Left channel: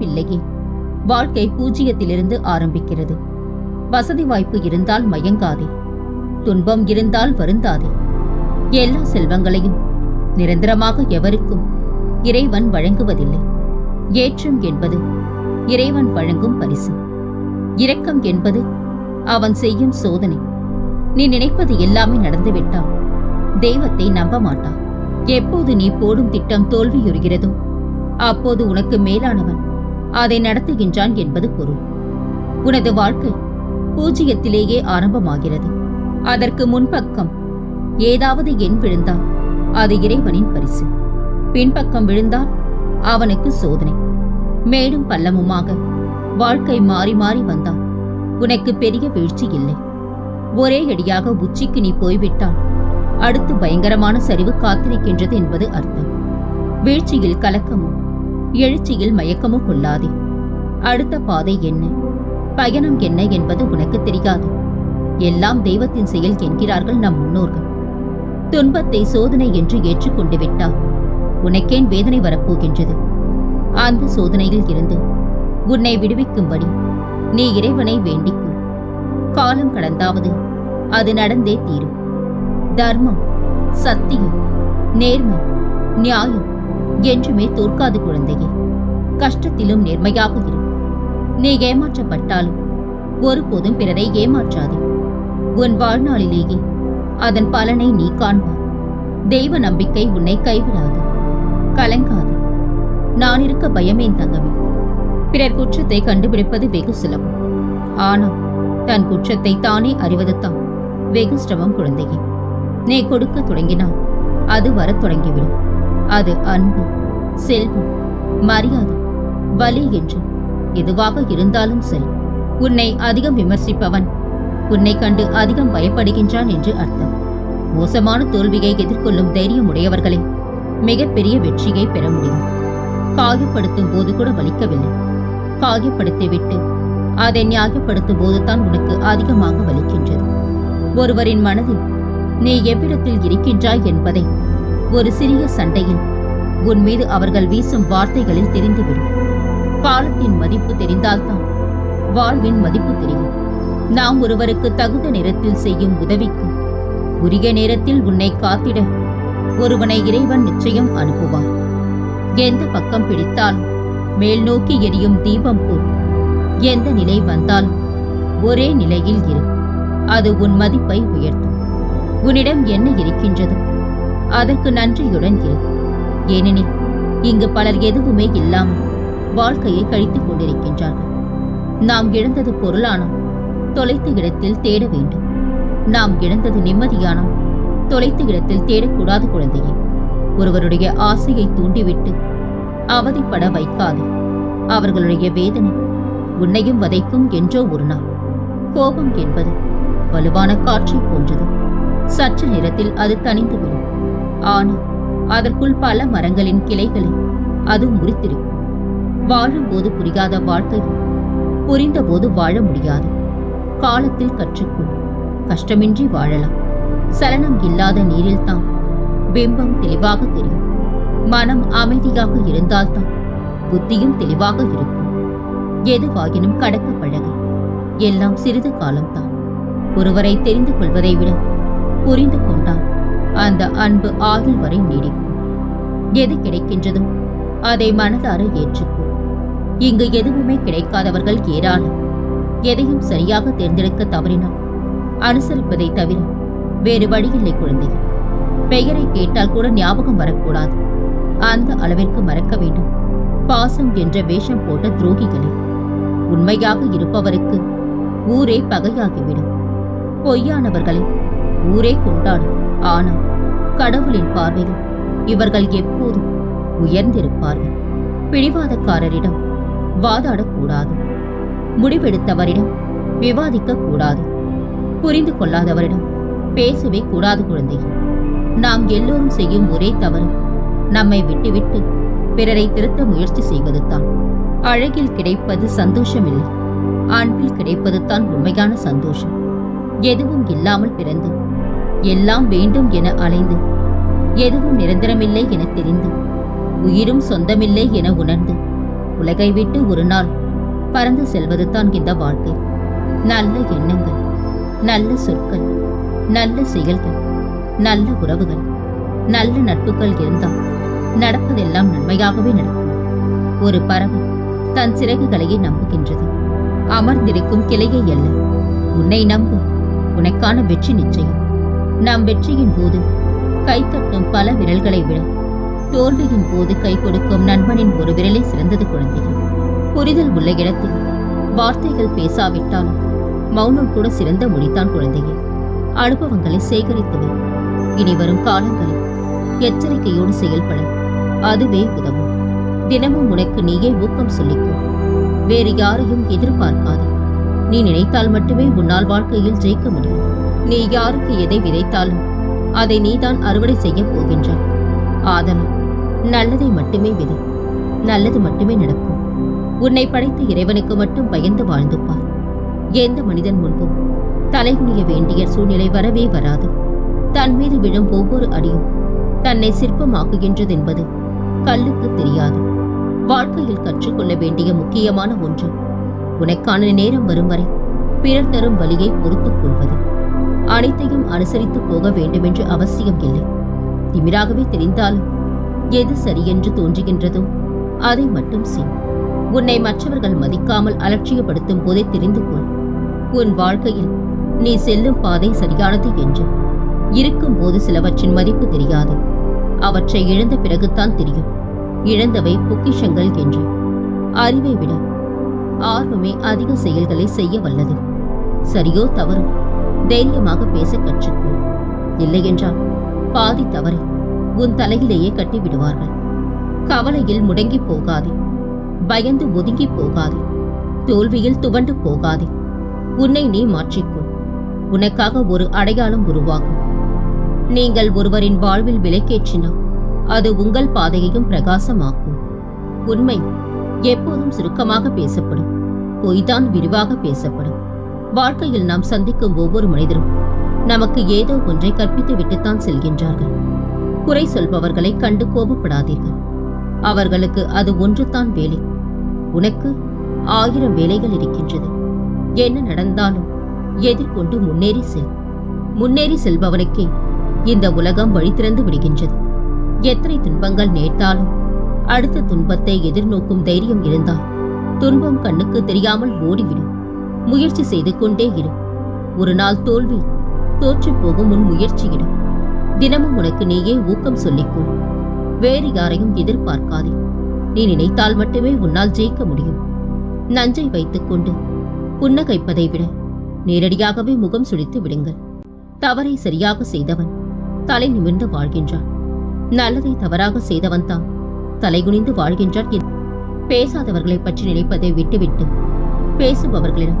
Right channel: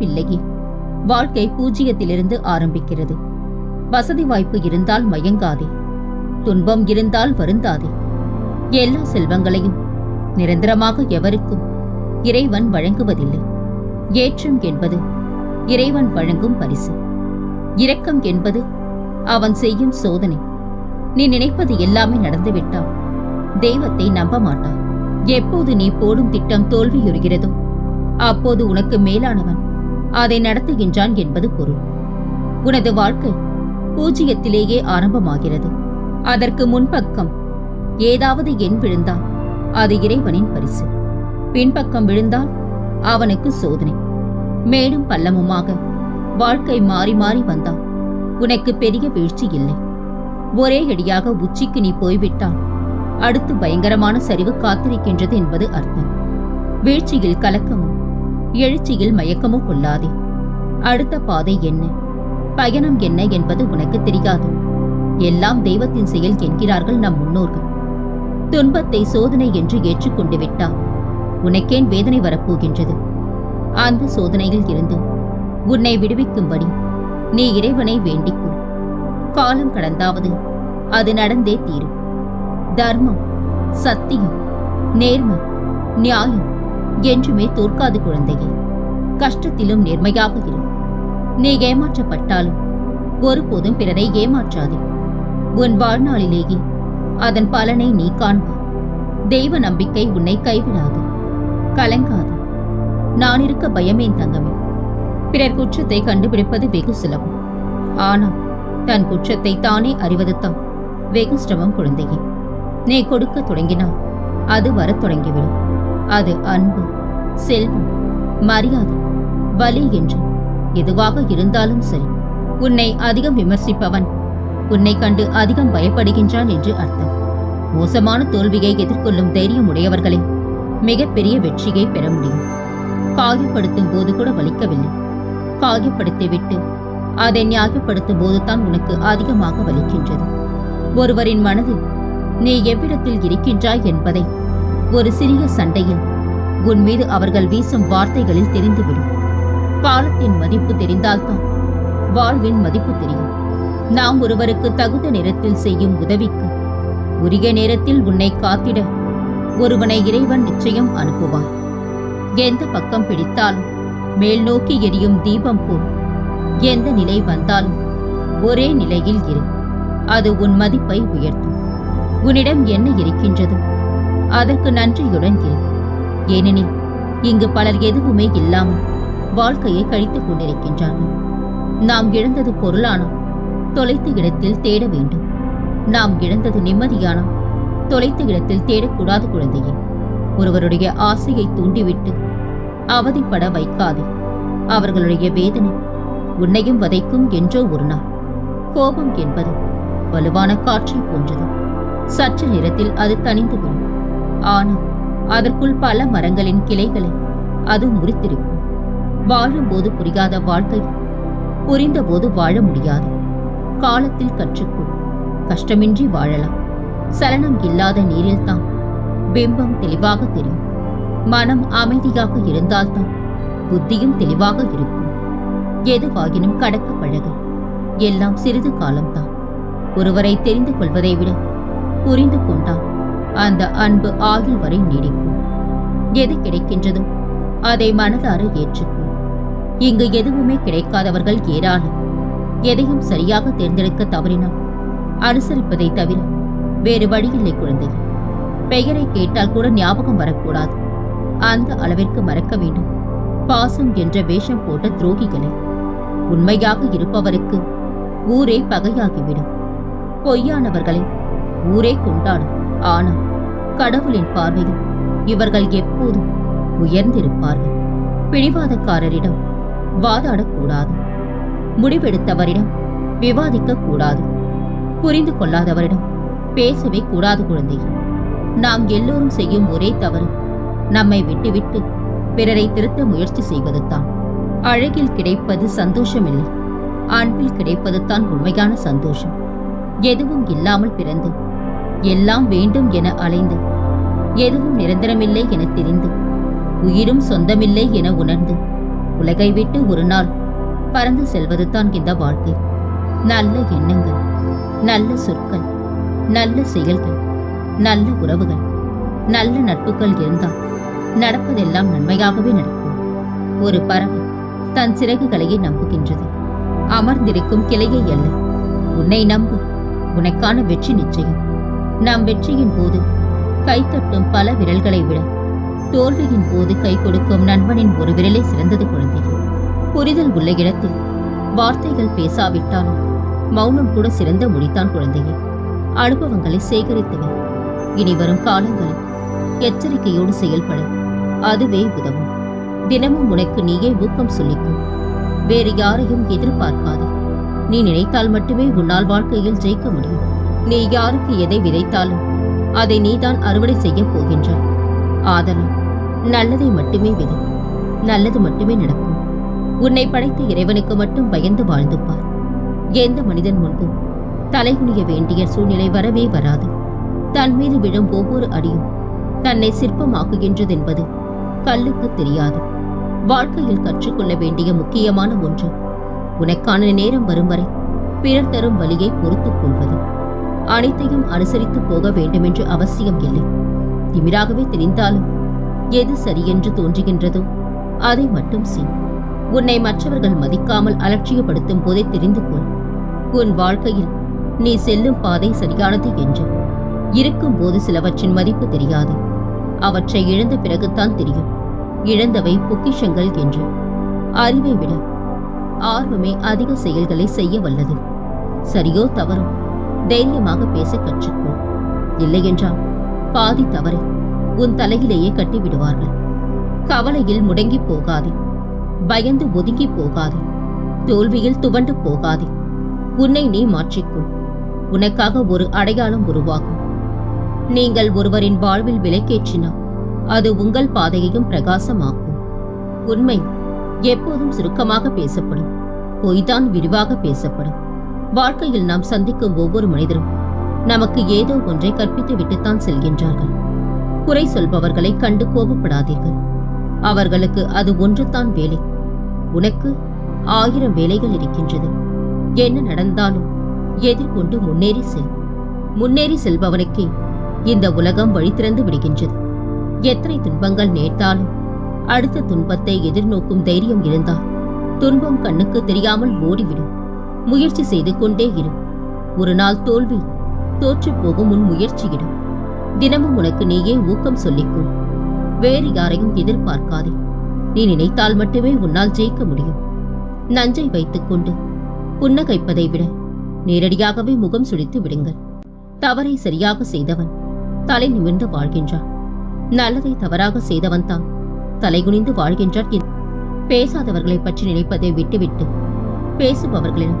பிள்ளையே. வாழ்க்கை பூஜ்ஜியத்திலிருந்து ஆரம்பிக்கிறது. வசதி வாய்ப்பு இருந்தால் மயங்காதே. துன்பம் இருந்தால் வருந்தாதே. எல்லா செல்வங்களையும் நிரந்தரமாக எவருக்கும் இறைவன் வழங்குவதில்லை. ஏற்றம் என்பது இறைவன் வழங்கும் பரிசு. இரக்கம் என்பது அவன் செய்யும் சோதனை. நீ நினைப்பது எல்லாமே நடந்துவிட்டால் தெய்வத்தை நம்ப மாட்டார் எப்போது நீ போடும் திட்டம் தோல்வியுறுகிறதோ அப்போது உனக்கு மேலானவன் அதை நடத்துகின்றான் என்பது பொருள். உனது வாழ்க்கை பூஜ்ஜியத்திலேயே ஆரம்பமாகிறது. அதற்கு முன்பக்கம் ஏதாவது எண் விழுந்தால் அது இறைவனின் பரிசு. பின்பக்கம் விழுந்தால் அவனுக்கு சோதனை. மேலும் பள்ளமுமாக வாழ்க்கை மாறி மாறி வந்தால் உனக்கு பெரிய வீழ்ச்சி இல்லை. ஒரே அடியாக உச்சிக்கு நீ போய்விட்டால் அடுத்து பயங்கரமான சரிவு காத்திருக்கின்றது என்பது அர்த்தம். வீழ்ச்சியில் கலக்கமும் எழுச்சியில் மயக்கமோ கொள்ளாதே. அடுத்த பாதை என்ன? பயணம் என்ன என்பது உனக்கு தெரியாது. எல்லாம் தெய்வத்தின் செயல் என்கிறார்கள் நம் முன்னோர்கள். துன்பத்தை சோதனை என்று ஏற்றுக்கொண்டு விட்டால் உனக்கேன் வேதனை வரப்போகின்றது? அந்த சோதனையில் இருந்து உன்னை விடுவிக்கும்படி நீ இறைவனை வேண்டிக்கொள். காலம் கடந்தாவது அது நடந்தே தீரும். தர்மம் சத்தியம் நேர்மை நியாயம் என்றுமே தோற்காது குழந்தையே. கஷ்டத்திலும் நேர்மையாக இரு. நீ ஏமாற்றப்பட்டாலும் ஒருபோதும் பிறரை ஏமாற்றாதே. உன் வாழ்நாளிலேயே அதன் பலனை நீ காண்பாய் தெய்வ நம்பிக்கை உன்னை கைவிடாது. கலங்காது. நான் இருக்க பயமேன் தங்கமே. பிறர் குற்றத்தை கண்டுபிடிப்பது வெகு சுலபம். ஆனால் தன் குற்றத்தை தானே அறிவதுதான் வெகு சிரமம் குழந்தையே. நீ கொடுக்க தொடங்கினால் அது வரத் தொடங்கிவிடும். அது அன்பு செல்வம் மரியாதை வலி என்று எதுவாக இருந்தாலும் சரி உன்னை அதிகம் விமர்சிப்பவன் உன்னை கண்டு அதிகம் பயப்படுகின்றான் என்று அர்த்தம். மோசமான தோல்வியை எதிர்கொள்ளும் தைரியம் உடையவர்களே மிகப்பெரிய வெற்றியை பெற முடியும். காயப்படுத்தும் போது கூட வலிக்கவில்லை. காயப்படுத்திவிட்டு அதை நியாயப்படுத்தும் போதுதான் உனக்கு அதிகமாக வலிக்கின்றது. ஒருவரின் மனதில் நீ எவ்விடத்தில் இருக்கின்றாய் என்பதை ஒரு சிறிய சண்டையில் உன் மீது அவர்கள் வீசும் வார்த்தைகளில் தெரிந்துவிடும். காலத்தின் மதிப்பு தெரிந்தால்தான் வாழ்வின் மதிப்பு தெரியும். நாம் ஒருவருக்கு தகுந்த நேரத்தில் செய்யும் உதவிக்கு உரிய நேரத்தில் உன்னை காத்திட ஒருவனை இறைவன் நிச்சயம் அனுப்புவார். எந்த பக்கம் பிடித்தாலும் மேல் நோக்கி எரியும் தீபம் போல் எந்த நிலை வந்தாலும் ஒரே நிலையில் இரு. அது உன் மதிப்பை உயர்த்தும். உன்னிடம் என்ன இருக்கின்றதோ? அதற்கு நன்றியுடன் இரு. ஏனெனில் இங்கு பலர் எதுவுமே இல்லாமல் வாழ்க்கையை கழித்துக் கொண்டிருக்கின்றார்கள். நாம் இழந்தது பொருளானால் தொலைத்த இடத்தில் தேட வேண்டும். நாம் இழந்தது நிம்மதியானால் தொலைத்த இடத்தில் தேடக்கூடாது குழந்தையே. ஒருவருடைய ஆசையை தூண்டிவிட்டு அவதிப்பட வைக்காதே. அவர்களுடைய வேதனை உன்னையும் வதைக்கும் என்றோ ஒரு நாள். கோபம் என்பது வலுவான காற்றை போன்றது. சற்று நேரத்தில் அது தணிந்துவிடும். ஆனால் அதற்குள் பல மரங்களின் கிளைகளை அது முறித்திருக்கும். வாழும்போது புரியாத வாழ்க்கை புரிந்தபோது வாழ முடியாது. காலத்தில் கற்றுக்கொள் கஷ்டமின்றி வாழலாம். சலனம் இல்லாத நீரில்தான் பிம்பம் தெளிவாக தெரியும். மனம் அமைதியாக இருந்தால்தான் புத்தியும் தெளிவாக இருக்கும். எதுவாகினும் கடக்க பழகு. எல்லாம் சிறிது காலம்தான். ஒருவரை தெரிந்து கொள்வதை விட புரிந்து கொண்டான் அந்த அன்பு ஆயுள் வரை நீடிக்கும். எது கிடைக்கின்றதோ? அதை மனதார ஏற்றுக்கும் இங்கு எதுவுமே கிடைக்காதவர்கள் ஏராளம். எதையும் சரியாக தேர்ந்தெடுக்க தவறினால் அனுசரிப்பதை தவிர வேறு வழியில்லை குழந்தையே. பெயரை கேட்டால் கூட ஞாபகம் வரக்கூடாது. அந்த அளவிற்கு மறக்க வேண்டும். பாசம் என்ற வேஷம் போட்ட துரோகிகளை. உண்மையாக இருப்பவருக்கு ஊரே பகையாகிவிடும். பொய்யானவர்களை ஊரே கொண்டாடும். ஆனால் கடவுளின் பார்வையில் இவர்கள் எப்போதும் உயர்ந்திருப்பார்கள். பிடிவாதக்காரரிடம் வாதாடக்கூடாது. முடிவெடுத்தவரிடம் விவாதிக்க கூடாது புரிந்து கொள்ளாதவரிடம் பேசவே கூடாது குழந்தையே. நாம் எல்லோரும் செய்யும் ஒரே தவறு நம்மை விட்டுவிட்டு பிறரை திருத்த முயற்சி செய்வதுதான். அழகில் கிடைப்பது சந்தோஷமில்லை. அன்பில் கிடைப்பது தான் உண்மையான சந்தோஷம். எதுவும் இல்லாமல் பிறந்து எல்லாம் வேண்டும் என அலைந்து. எதுவும் நிரந்தரமில்லை என தெரிந்து. உயிரும் சொந்தமில்லை என உணர்ந்து. உலகை விட்டு ஒரு நாள் பறந்து செல்வது தான் இந்த வாழ்க்கை. நல்ல எண்ணங்கள் நல்ல சொற்கள் நல்ல செயல்கள் நல்ல உறவுகள் நல்ல நட்புகள் இருந்தால் நடப்பதெல்லாம் நன்மையாகவே நடக்கும். ஒரு பறவை தன் சிறகுகளையே நம்புகின்றது. அமர்ந்திருக்கும் கிளையை அல்ல. உன்னை நம்பு. உனக்கான வெற்றி நிச்சயம். நம் வெற்றியின் போது கைத்தட்டும் பல விரல்களை விட தோல்வியின் போது கை கொடுக்கும் நண்பனின் ஒரு விரலே சிறந்தது குழந்தையே. புரிதல் உள்ள இடத்தில் வார்த்தைகள் பேசாவிட்டாலும் மௌனம் கூட சிறந்த மொழிதான் குழந்தையே. அனுபவங்களை சேகரித்துவே இனி வரும் காலங்களில் எச்சரிக்கையோடு செயல்பட அதுவே உதவும். தினமும் உனக்கு நீயே ஊக்கம் சொல்லிக்கும் வேறு யாரையும் எதிர்பார்க்காதே. நீ நினைத்தால் மட்டுமே உன்னால் வாழ்க்கையில் ஜெயிக்க முடியும். நீ யாருக்கு எதை விதைத்தாலும் அதை நீதான் அறுவடை செய்யப் போகின்றாய். ஆதலால் நல்லதை மட்டுமே விதை நல்லது மட்டுமே நடக்கும். உன்னை படைத்த இறைவனுக்கு மட்டும் பயந்து வாழ்ந்து பார் எந்த மனிதன் முன்பும் தலைகுனிய வேண்டிய சூழ்நிலை வரவே வராது. தன் மீது விழும் ஒவ்வொரு அடியும் தன்னை சிற்பமாக்குகின்றதென்பது கல்லுக்கு தெரியாது. வாழ்க்கையில் கற்றுக்கொள்ள வேண்டிய முக்கியமான ஒன்று உனக்கான நேரம் வரும் வரை பிறர் தரும் வழியை பொறுத்துக் கொள்வது. அனைத்தையும் அனுசரித்து போக வேண்டுமென்று அவசியம் இல்லை. திமிராகவே தெரிந்தாலும் எது சரியென்று தோன்றுகின்றதோ அதை மட்டும் செய். உன்னை மற்றவர்கள் மதிக்காமல் அலட்சியப்படுத்தும் போதே தெரிந்து கொள். உன் வாழ்க்கையில் நீ செல்லும் பாதை சரியானது என்று. இருக்கும்போது சிலவற்றின் மதிப்பு தெரியாது. அவற்றை இழந்த பிறகுதான் தெரியும். இழந்தவை பொக்கிஷங்கள் என்று. அறிவை விட ஆர்வமே அதிக செயல்களை செய்ய வல்லது. சரியோ தவறோ தைரியமாக பேச கற்றுக்கொள். இல்லையென்றால் பாதி தவறை உன் தலையிலேயே கட்டி விடுவார்கள் கவலையில் முடங்கி போகாதே. பயந்து ஒதுங்கி போகாதே. தோல்வியில் துவண்டு போகாதே. உன்னை நீ மாற்றிக்கொள். உனக்காக ஒரு அடையாளம் உருவாகும். நீங்கள் ஒருவரின் வாழ்வில் விலைக்கேற்றினால் அது உங்கள் பாதையையும் பிரகாசமாக்கும். உண்மை எப்போதும் சுருக்கமாக பேசப்படும். பொய்தான் விரிவாக பேசப்படும். வாழ்க்கையில் நாம் சந்திக்கும் ஒவ்வொரு மனிதரும் நமக்கு ஏதோ ஒன்றை கற்பித்து விட்டுத்தான் செல்கின்றார்கள். குறை சொல்பவர்களை கண்டு கோபப்படாதீர்கள். அவர்களுக்கு அது ஒன்றுதான் வேலை. உனக்கு ஆயிரம் வேலைகள் இருக்கின்றது. என்ன நடந்தாலும் எதிர்கொண்டு முன்னேறி செல். முன்னேறி செல்பவனுக்கே இந்த உலகம் வழி திறந்து விடுகின்றது. எத்தனை துன்பங்கள் நேர்த்தாலும் அடுத்த துன்பத்தை எதிர்நோக்கும் தைரியம் இருந்தால் துன்பம் கண்ணுக்கு தெரியாமல் ஓடிவிடும். முயற்சி செய்து கொண்டே இரு. ஒரு நாள் தோல்வி தோற்று போகும் உன் முயற்சியிடும். தினமும் உனக்கு நீயே ஊக்கம் சொல்லிக்கொள். வேறு யாரையும் எதிர்பார்க்காதே. நீ நினைத்தால் மட்டுமே உன்னால் ஜெயிக்க முடியும். நஞ்சை வைத்துக்கொண்டு புன்னகைப்பதை விட நேரடியாகவே முகம் சுழித்து விடுங்கள். தவறை சரியாக செய்தவன் தலை நிமிர்ந்து வாழ்கின்றான். நல்லதை தவறாக செய்தவன் தான் தலைகுனிந்து வாழ்கின்றான். பேசாதவர்களை பற்றி நினைப்பதை விட்டுவிட்டு பேசுபவர்களிடம்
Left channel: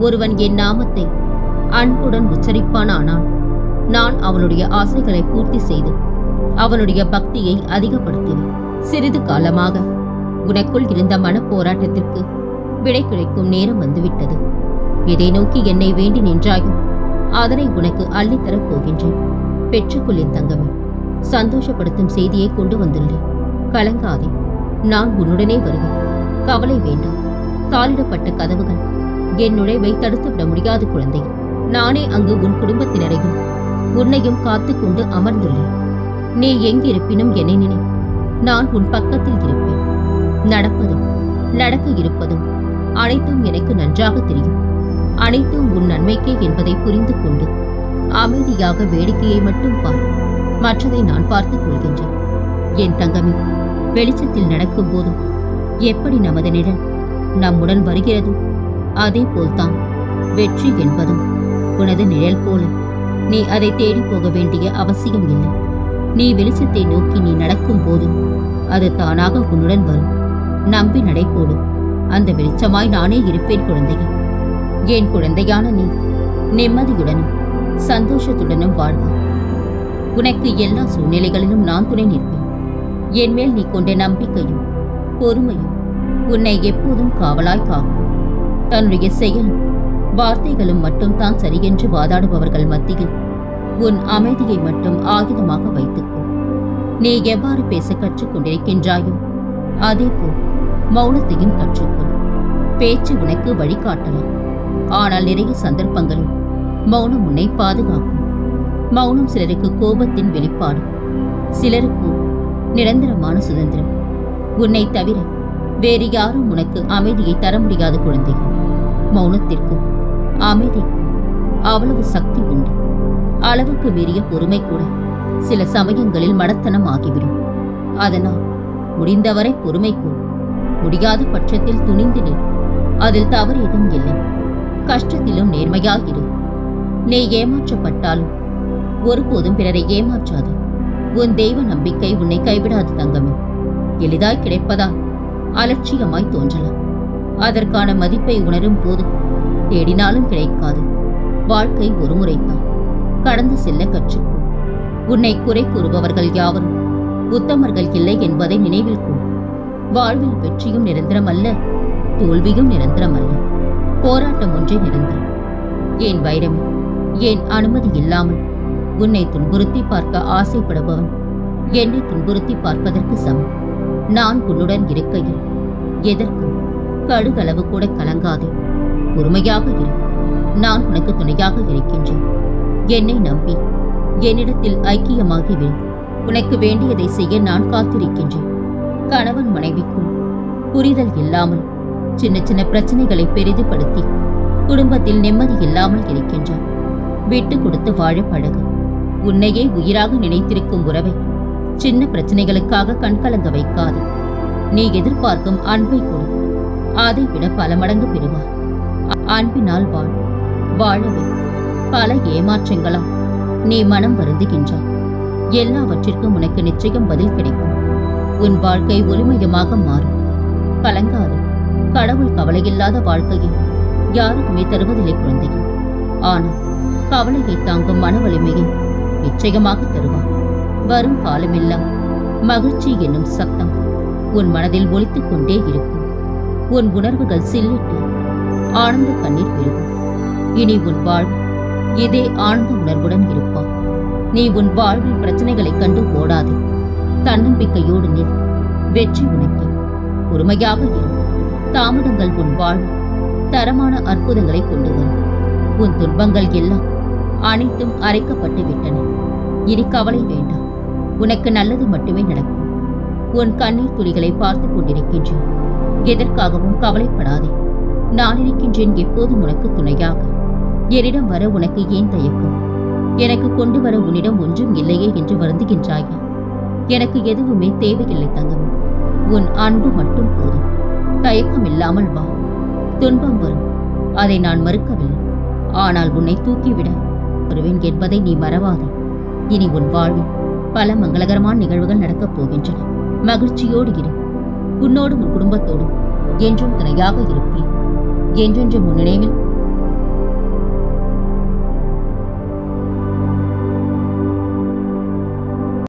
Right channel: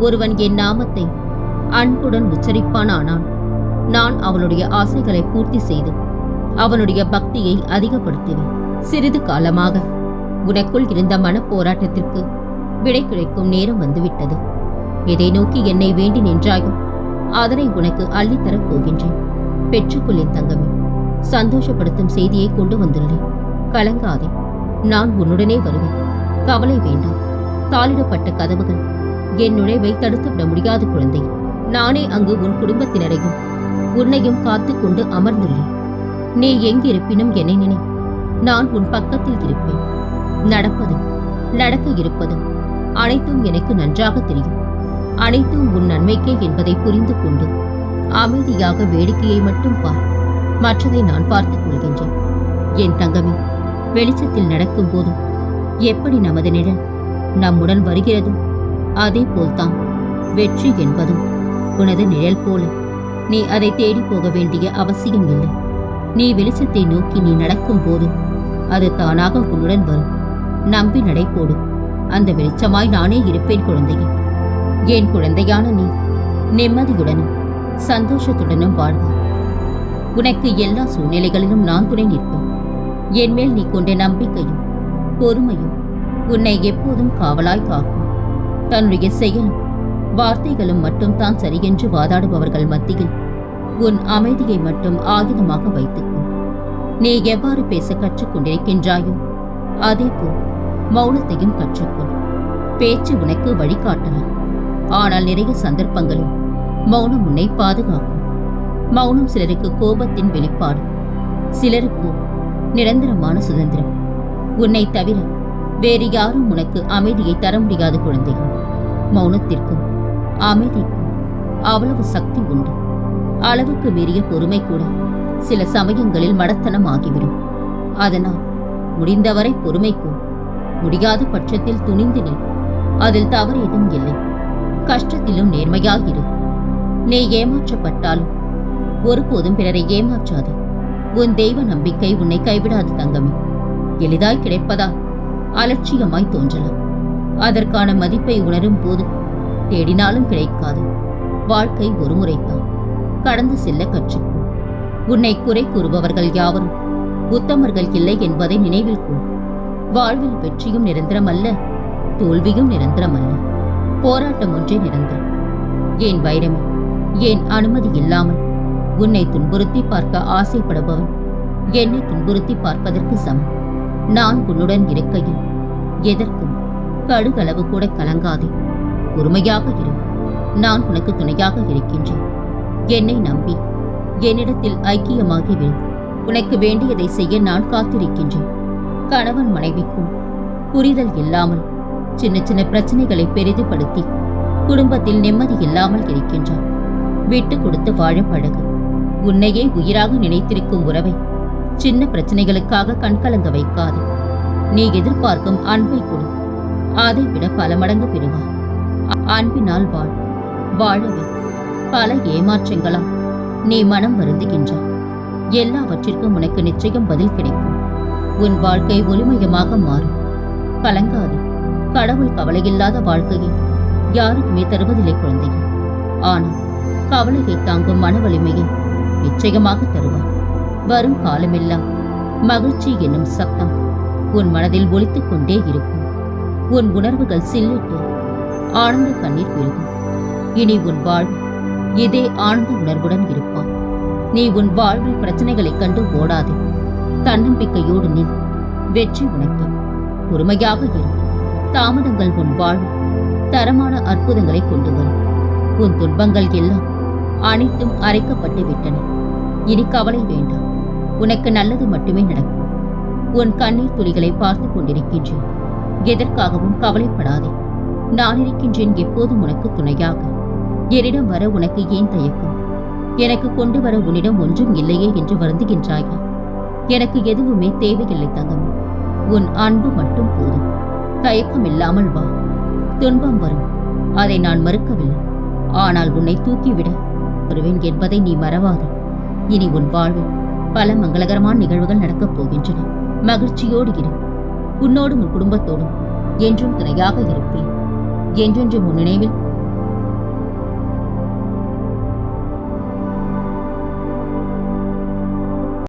ஒருவன் என் நாமத்தை அன்புடன் உச்சரிப்பானானால் நான் அவனுடைய ஆசைகளை பூர்த்தி செய்து அவனுடைய பக்தியை அதிகப்படுத்துவேன் சிறிது காலமாக உனக்குள் இருந்த மனப்போராட்டத்திற்கு விடை கிடைக்கும் நேரம் வந்துவிட்டது. எதை நோக்கி என்னை வேண்டி நின்றாயோ அதனை உனக்கு அள்ளித்தரப் போகின்றேன். பெற்றுக்கொள்ளேன் தங்கமே சந்தோஷப்படுத்தும் செய்தியை கொண்டு வந்துள்ளேன் கலங்காதே நான் உன்னுடனே வருவேன். கவலை வேண்டாம். தாளிடப்பட்ட கதவுகள் என் நுழைவை தடுத்துவிட முடியாது குழந்தை. நானே அங்கு உன் குடும்பத்தினரையும் உன்னையும் காத்து கொண்டு அமர்ந்துள்ளேன். நீ எங்கிருப்பினும் என்னை நினை நான் உன் பக்கத்தில் இருப்பேன். நடப்பதும் நடக்க இருப்பதும் அனைத்தும் எனக்கு நன்றாக தெரியும். அனைத்தும் உன் நன்மைக்கே என்பதை புரிந்து கொண்டு அமைதியாக வேடிக்கையை மட்டும் பார். மற்றதை நான் பார்த்துக் கொள்கின்றேன். என் தங்கமே வெளிச்சத்தில் நடக்கும் போதும் எப்படி நமது நிழல் நம்முடன் வருகிறதோ அதே போல்தான் வெற்றி என்பதும் உனது நிழல் போல. நீ அதை தேடி போக வேண்டிய அவசியம் இல்லை. நீ வெளிச்சத்தை நோக்கி நீ நடக்கும் போது அது தானாக உன்னுடன் வரும். நம்பி நடைபோடு. அந்த வெளிச்சமாய் நானே இருப்பேன் குழந்தையே. என் குழந்தையான நீ நிம்மதியுடனும் சந்தோஷத்துடனும் வாழ்வார் உனக்கு எல்லா சூழ்நிலைகளிலும் நான் துணை நிற்பேன். என் மேல் நீ கொண்ட நம்பிக்கையும் பொறுமையும் உன்னை எப்போதும் காவலாய் காக்கும். தன்னுடைய செயலும் வார்த்தைகளும் மட்டும் தான் சரியென்று வாதாடுபவர்கள் மத்தியில் உன் அமைதியை மட்டும் ஆயுதமாக வைத்துக்கோ நீ எவ்வாறு பேச கற்றுக்கொண்டிருக்கின்றாயோ அதேபோல் மௌனத்தையும் கற்றுக்கொள். பேச்சு உனக்கு வழிகாட்டலாம். ஆனால் நிறைய சந்தர்ப்பங்களில் மௌனம் உன்னை பாதுகாக்கும். மௌனம் சிலருக்கு கோபத்தின் வெளிப்பாடு சிலருக்கோ நிரந்தரமான சுதந்திரம். உன்னை தவிர வேறு யாரும் உனக்கு அமைதியை தர முடியாத குழந்தைகள். மௌனத்திற்கும் அமைதிக்கும் அவ்வளவு சக்தி உண்டு. அளவுக்கு மீறிய பொறுமை கூட சில சமயங்களில் மடத்தனம் ஆகிவிடும் அதனால் முடிந்தவரை பொறுமைக்கும் முடியாத பட்சத்தில் துணிந்து நில். அதில் தவறு எதுவும் இல்லை. கஷ்டத்திலும் நேர்மையாகிரு நீ ஏமாற்றப்பட்டாலும் ஒருபோதும் பிறரை ஏமாற்றாது. உன் தெய்வ நம்பிக்கை உன்னை கைவிடாது தங்கமே. எளிதாய் கிடைப்பதால் அலட்சியமாய் தோன்றலாம். அதற்கான மதிப்பை உணரும் போது தேடினாலும் கிடைக்காது. வாழ்க்கை ஒரு முறைதான் கடந்து செல்ல கற்றுக்கோ உன்னை குறை கூறுபவர்கள் யாவரும் உத்தமர்கள் இல்லை என்பதை நினைவில் கொள். வாழ்வில் வெற்றியும் நிரந்தரமல்ல தோல்வியும் நிரந்தரமல்ல. போராட்டம் ஒன்றே நிரந்தரம். ஏன் வைரமே ஏன் அனுமதி இல்லாமல் உன்னை துன்புறுத்தி பார்க்க ஆசைப்படுபவன் என்னை துன்புறுத்தி பார்ப்பதற்கு சமம். நான் உன்னுடன் இருக்கையில் எதற்கும் கடுகளவு கூட கலங்காதே. பொறுமையாக இரு. நான் உனக்கு துணையாக இருக்கின்றேன். என்னை நம்பி. என்னிடத்தில் ஐக்கியமாகிவிடு உனக்கு வேண்டியதை செய்ய நான் காத்திருக்கின்றேன். கணவன் மனைவிக்கும் புரிதல் இல்லாமல் சின்ன சின்ன பிரச்சனைகளை பெரிதுபடுத்தி குடும்பத்தில் நிம்மதி இல்லாமல் இருக்கின்றான் விட்டு கொடுத்து வாழ பழகு. உன்னையே உயிராக நினைத்திருக்கும் உறவை சின்ன பிரச்சனைகளுக்காக கண்கலங்க வைக்காது. நீ எதிர்பார்க்கும் அன்பை கொடு. அதை விட பல மடங்கு பெறுவார் அன்பினால் வாழ் வாழவே பல ஏமாற்றங்களால் நீ மனம் வருந்துகின்றாய் எல்லாவற்றிற்கும் உனக்கு நிச்சயம் பதில் கிடைக்கும். உன் வாழ்க்கை ஒளிமயமாக மாறும். கலங்காது கடவுள் கவலையில்லாத வாழ்க்கையை யாருக்குமே தருவதில்லை குழந்தையே. ஆனால் கவலையை தாங்கும் மன வலிமையை நிச்சயமாக தருவார். வரும் காலமெல்லாம் மகிழ்ச்சி என்னும் சத்தம் உன் மனதில் ஒலித்துக் கொண்டே இருக்கும். உன் உணர்வுகள் சில்லிட்டு ஆனந்த கண்ணீர் பெருகும். இனி உன் வாழ்வு இதே ஆனந்த உணர்வுடன் இருப்பான் நீ உன் வாழ்வில் பிரச்சனைகளைக் கண்டு ஓடாதே. தன்னம்பிக்கையோடு நில். வெற்றி உனக்கே. பொறுமையாக இரு. தாமதங்கள் உன் வாழ்வில் தரமான அற்புதங்களை கொண்டு வரும். உன் துன்பங்கள் எல்லாம் அனைத்தும் அரைக்கப்பட்டு விட்டன. இனி கவலை வேண்டாம். உனக்கு நல்லது மட்டுமே நடக்கும். உன் கண்ணீர் துளிகளை பார்த்து கொண்டிருக்கின்றேன். எதற்காகவும் கவலைப்படாதே. நான் இருக்கின்றேன் எப்போதும் உனக்கு துணையாக. என்னிடம் வர உனக்கு ஏன் தயக்கம்? எனக்கு கொண்டு வர உன்னிடம் ஒன்றும் இல்லையே என்று வருந்துகின்றாயா? எனக்கு எதுவுமே தேவையில்லை தங்கம். உன் அன்பு மட்டும் போதும். தயக்கம் இல்லாமல் வா. துன்பம் வரும். அதை நான் மறுக்கவில்லை. ஆனால் உன்னை தூக்கிவிட வருவேன் என்பதை நீ மறவாதே. இனி உன் வாழ்வில் பல மங்களகரமான நிகழ்வுகள் நடக்கப் போகின்றன. மகிழ்ச்சியோடு இரு. உன்னோடும் உன் குடும்பத்தோடும் என்றும் துணையாக இருப்பேன். என்றென்றும் உன் நினைவில்